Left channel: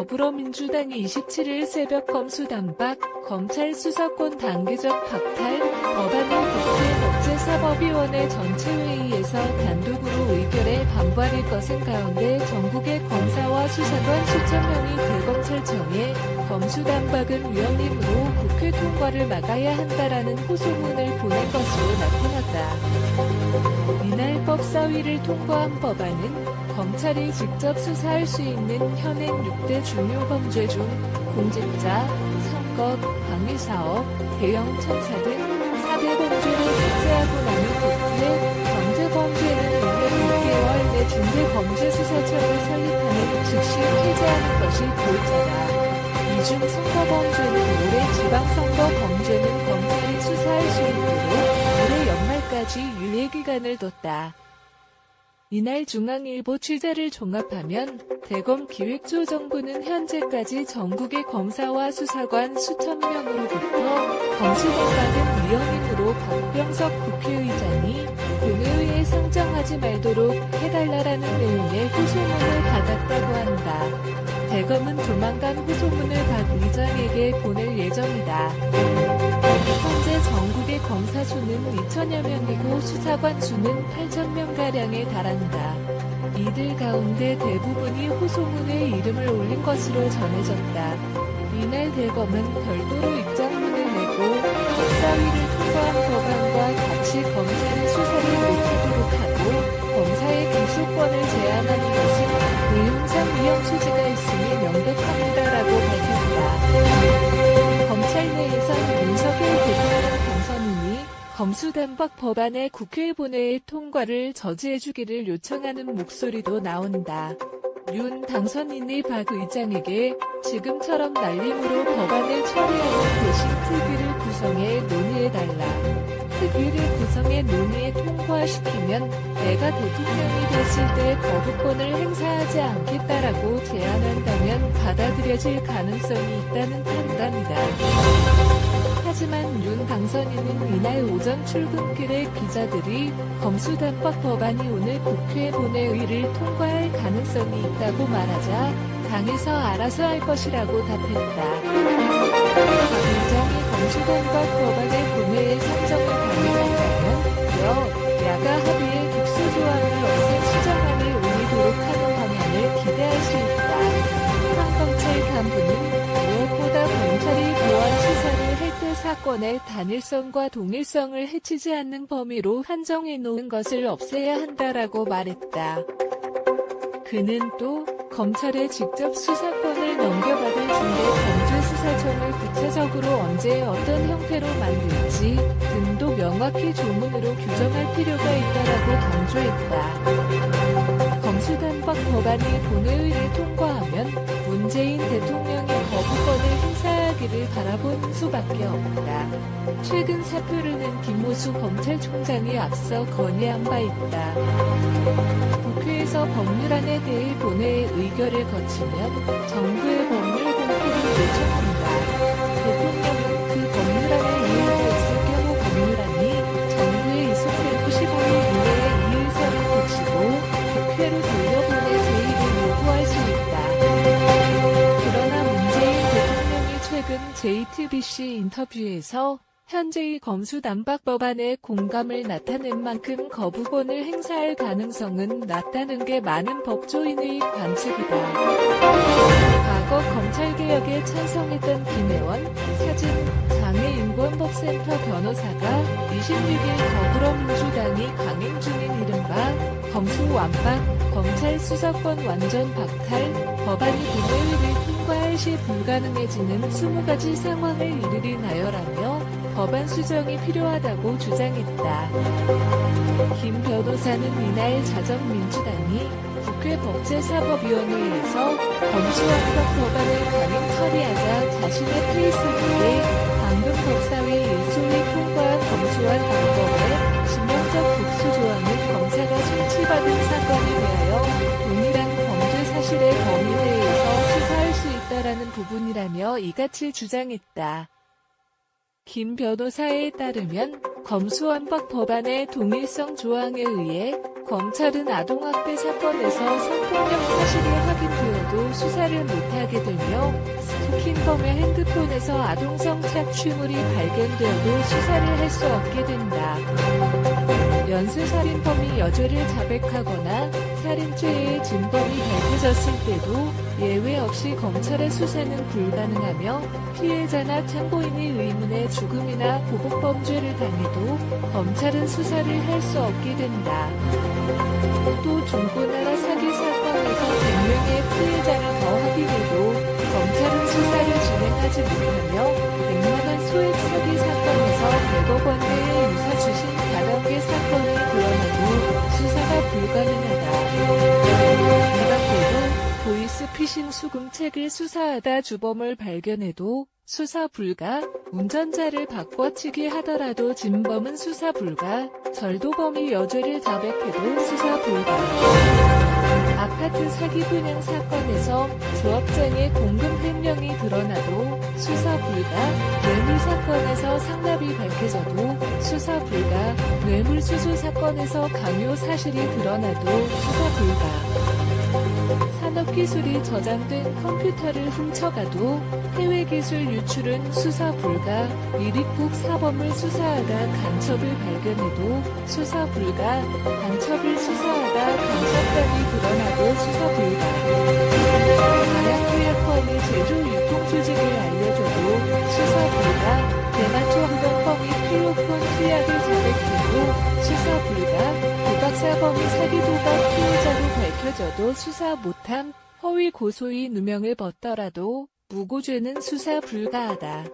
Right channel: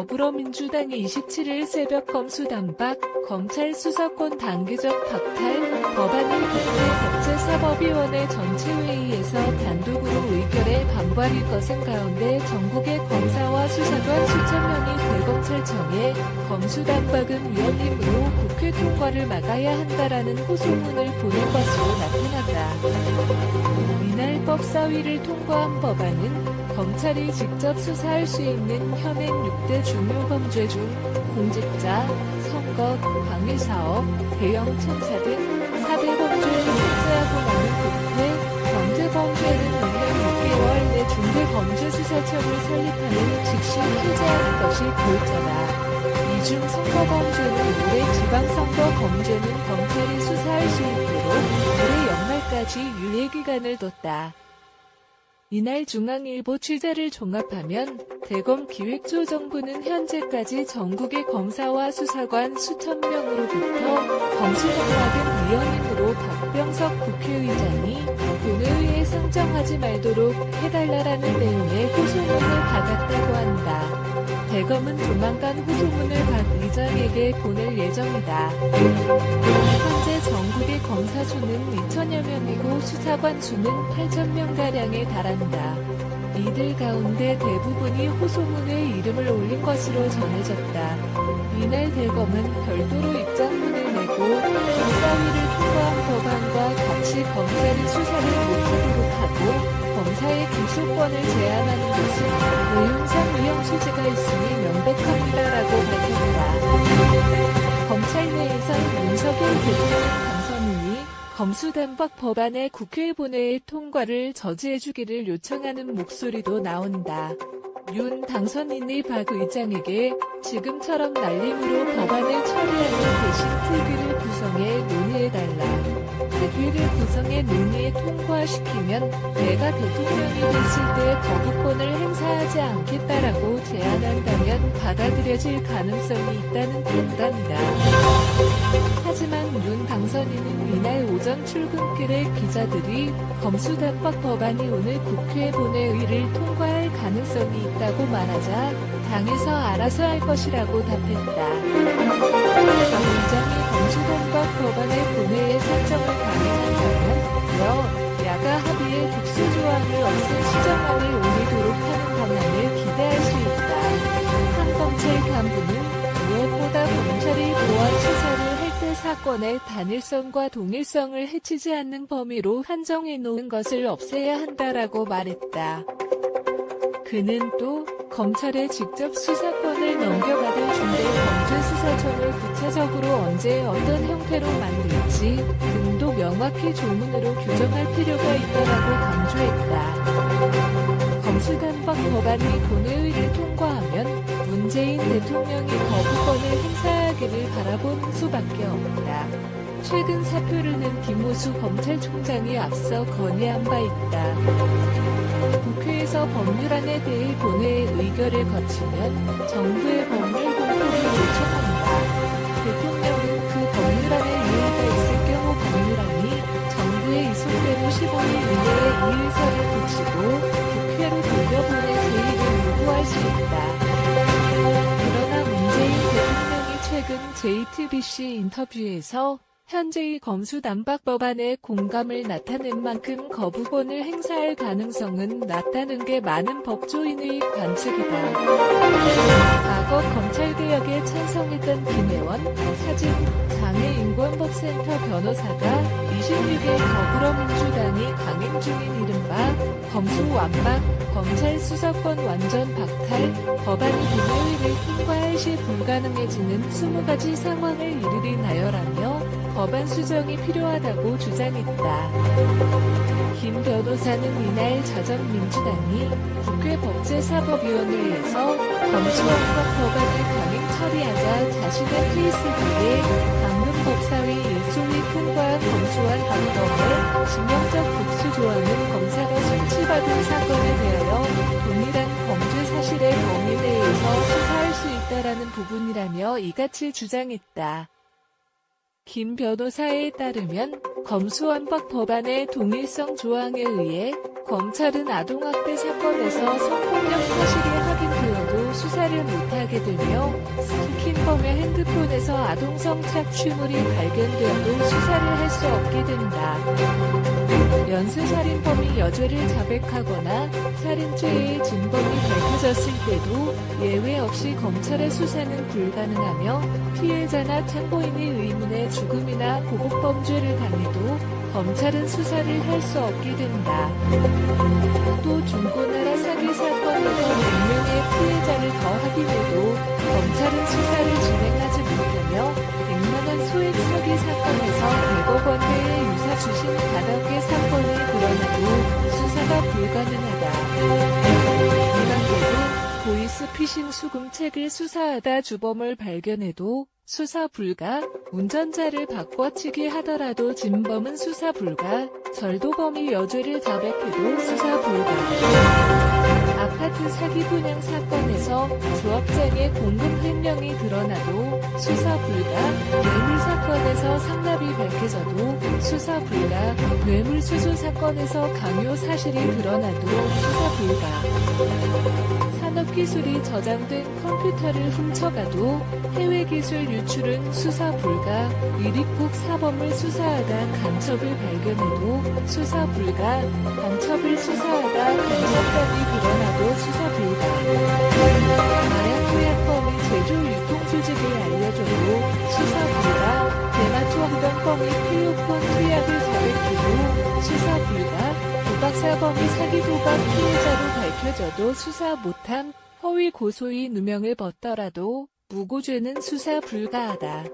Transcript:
더불어민주당이 27일 새벽 검수단박, 검찰 수사권 단계적 박탈 법안을 국회 법제사법위원회 전체회의에서 단독으로 의결해 반발일 것은 가운데 전국의 검사와 수사관 수천 명이 대검찰청에 검수단박은 위헌임으로 국회 통과를 막아야 한다라는 호소문을 보낸 것으로 나타났다. 이날 법사위를 통과한 법안은 검찰이 직접 수사할 수 있는 현행 6대 중요 범죄 중 공직자, 선거, 방위사업, 대형 참사 등 4대 범죄를 삭제하고 남은 국회, 경제범죄는 1년 6개월 내 중대범죄수사청을 설립하는 즉시 폐지하는 것이 골자다. 이 중 선거범죄는 올해 지방선거 범죄는 검찰이 수사할 수 있도록 올해 연말까지 유예기간을 뒀다. 이날 중앙일보 취재를 종합하면 대검 기획조정부는 현재까지 전국의 검사와 수사관 수천 명으로부터 검수단박은 위헌임으로 박병석 국회의장이 본회의에 상정하지 말도록 해달라라는 내용의 호소문을 받았다고 한다. 대검은 조만간 호소문을 박 의장에게 보낼 예정이다. 현재 전국의 검사 수는 2천여 명이고 수사관 수는 8,000명가량에 달한다. 이들 가운데 대부분이 호소문에 이름을 올린 것으로 전해졌다. 이날 대검은 별도로 입장문을 내고 법사위를 통과한 법안과 같이 검찰이 수사를 못하도록 하고 검사의 기소권을 제한하는 것은 내용상 위헌 소지가 있으니 명백합니다라고 밝혔다. 검찰 내에선 윤석열 대통령 당선인이 검수단박 법안의 국회 본회의 통과를 저지해주기를 요청하는 목소리도 나온다. 윤 당선인이 박 의장에게 지금처럼 날림으로 법안을 처리하는 대신 특위를 구성해 논의해달라. 특위를 구성해 논의에 통과시키면 내가 대통령이 됐을 때 거부권을 행사하지 않겠다라고 제안한다면 받아들여질 가능성이 있다는 판단이다. 하지만 윤 당선인은 이날 오전 출근길에 기자들이 검수단박 법안이 오늘 국회 본회의를 통과할 가능성이 있다고 말하자 당에서 알아서 할 것이라고 답했다. 박 의장이 검수단박 법안의 본회의 상정을 강행한다면 야가 합의의 독소조항을 없앤 수정안을 올리도록 하는 방안을 기대할 수 있다. 한 검찰 간부는 무엇보다 검찰이 보안 수사를 할 때 사건의 단일성과 동일성을 해치지 않는 범위로 한정해 놓은 것을 없애야 한다라고 말했다. 그는 또 검찰에 직접 수사권을 넘겨받을 중대범죄수사청을 구체적으로 언제 어떤 형태로 만들지 등도 명확히 조문으로 규정할 필요가 있다라고 강조했다. 검수단박 법안이 본회의를 통과하면 문재인 대통령이 거부권을 행사하기를 바라보는 수밖에 없다. 최근 사표를 낸 김호수 검찰총장이 앞서 건의한 바 있다. 국회에서 법률안에 대해 본회의 의결을 거치면 정부의 법률 공포를 요청한다. 대통령은 그 법률안에 이의가 있을 경우 법률안이 정부에 이송된 후 15일 이내에 이의서를 붙이고 국회로 돌려보내 제의를 요구할 수 있다. 그러나 문재인 대통령이 최근 JTBC 인터뷰에서 현재의 검수단박 법안에 공감을 나타낸 만큼 거부권을 행사할 가능성은 낮다는 게 많은 법조인의 관측이다. 과거 검찰개혁에 찬성했던 김혜원 사진장애인권법센터 변호사가 26일 더불어민주당이 강행 중인 이른바 검수완박, 검찰 수사권 완전 박탈 법안이 본회의를 통과할 시 불가능해지는 20가지 상황을 이르리 나열하며 법안 수정이 필요하다고 주장했다. 김 변호사는 이날 자정민주당이 국회 법제사법위원회에서 검수완박 법안을 강행 처리하자 자신의 페이스북에 방금 법사위 일소위 통과한 검수완박법에 지명적 독소조항은 검사가 송치받은 사건에 대하여 동일한 범죄 사실의 범위 내에서 수사할 수 있다라는 부분이라며 이같이 주장했다. 김 변호사에 따르면 검수완박 법안의 동일성 조항에 의해 검찰은 아동학대 사건에서 성폭력 사실이 확인되어도 수사를 못하게 되며 스토킹범의 핸드폰에서 아동성 착취물이 발견되어도 수사를 할 수 없게 된다. 연쇄살인범이 여죄를 자백하거나 살인죄의 진범이 밝혀졌을 때도 예외 없이 검찰의 수사는 불가능하며 피해자나 참고인이 의문의 죽음이나 보복범죄를 당해도 검찰은 수사를 할 수 없게 된다. 또 중고나라 사기 사건에서 100명의 피해자를 더 확인해도 검찰은 수사를 진행하지 못하며 100만원 소액 사기 사건에서 100억 원대의 유사 주신 다단계 사건이 드러나도 수사가 불가능하다. 이 밖에도 보이스피싱 수금책을 수사하다 주범을 발견해도 수사 불가, 운전자를 바꿔치기 하더라도 진범은 수사 불가, 절도범이 여죄를 자백해도 수사 불가. 아파트 사기 분양 사건에서 조합장의 공금 횡령이 드러나도 수사 불가, 뇌물 사건에서 상납이 밝혀져도 수사 불가, 뇌물수수 사건에서 강요 사실이 드러나도 수사 불가. 산업기술이 저장된 컴퓨터를 훔쳐가도 해외기술 유출은 수사 불가, 미립국 사범을 수사하다 간첩을 발견해도 수사 불가, 간첩을 수사하다 간첩단이 드러나도 수사 불가. 마약 투약범이 제조 유통 조직을 알려줘도 수사 불가, 대마초 흡연범이 필로폰 투약을 자백해도 수사 불가, 도박사범이 사기 도박 피해자로 밝혀져도 수사 못함, 허위 고소인 누명을 벗더라도 무고죄는 수사 불가하다.